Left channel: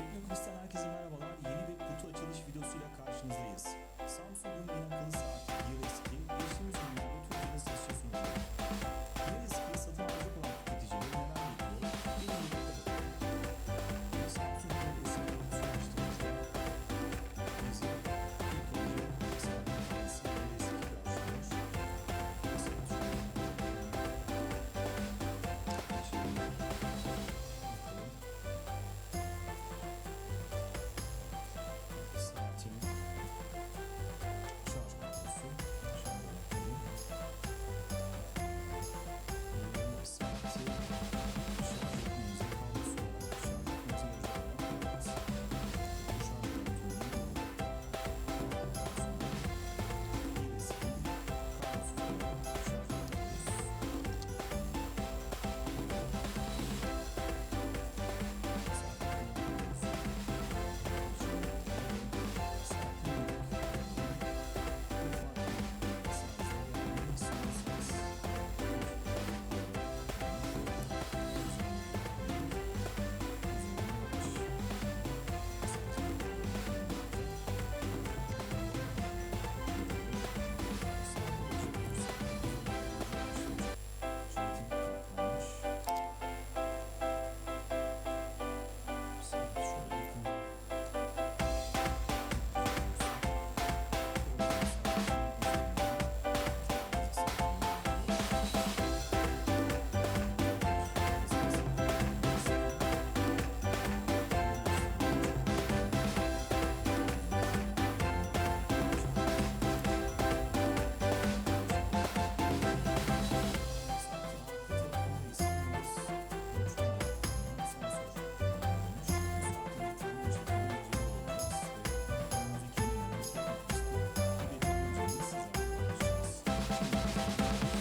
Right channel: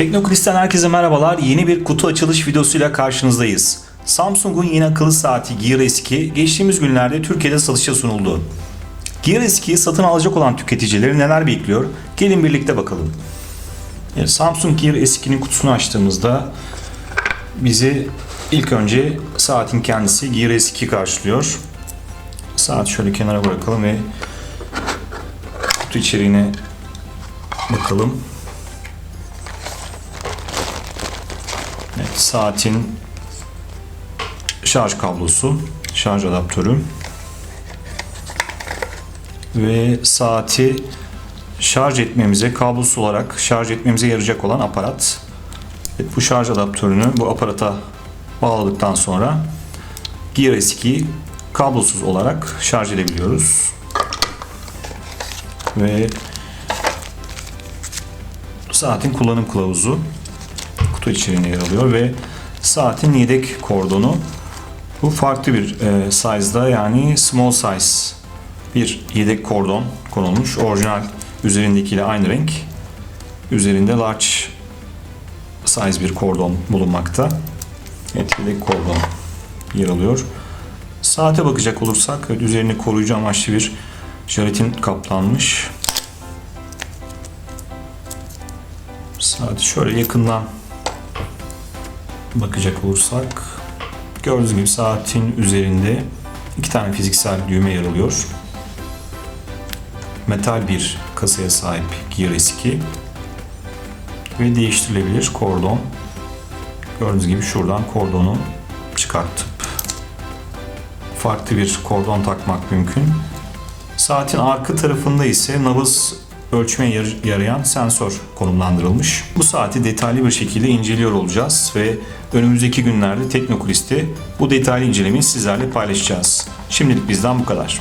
Teknokris'ten herkese merhabalar. Yeni bir kutu açılış videosuyla karşınızdayız. Samsung'un yeni akıllı saati Gear S2 geçtiğimiz günlerde Türkiye'de satışa sunuldu. Gear S2'yi satın alacak olan tüketicileri neler bekliyor? Gelin birlikte bakalım. Yani Samsung Gear S2'nin kutusunu açtığımızda bizi ilk önce saatin kendisi Gear S2 karşılıyor. Saat şöyle kenara bırakalım ve kutu içeriğine bakalım. Evet, saatin şarj kablosu, şarj adaptörü ve saati şarj etmemize, kablosuz olarak şarj etmemize yarayacak olan aparat. Evet, bu şarj adaptörünü bu aparata bağladıktan sonra Gear S2'yi kablosuz olarak şarj edebiliyoruz. Ve saatin kullanım kılavuzu kutu içeriğine yer alıyor ve saatin yedek kordonu bu farklı bir e, size'da yani small size bir yedek kordon konulmuş. Orijinal üzerindekiyle aynı renk. Üzerinde large size bir kordon bulunmakta. Evet, yedek kordon yer alıyor. Saate bakacak olursak evet, üzerini koruyucu amaçlı bir jelatin kaplanmış. Saati şöyle yakından bakacak olursak gördüğünüz gibi saatin üzerinde iki tane fiziksel düğme yer alıyor. Metal bir kasaya sahip Gear S2 ve değiştirilebilir kordon. Gördüğünüz gibi şuradan kordonu çıkartıp farklı bir kordon takmak mümkün. Saatin arka tarafında ise nabız ölçmeye yar- yarayan sensör konumlandırılmış. Bu saati detaylı bir şekilde inceliyor olacağız ve önümüzdeki günlerde Teknokulis'te bu detaylı incelemeyi sizlerle paylaşacağız. Şimdilik bizden bu kadar.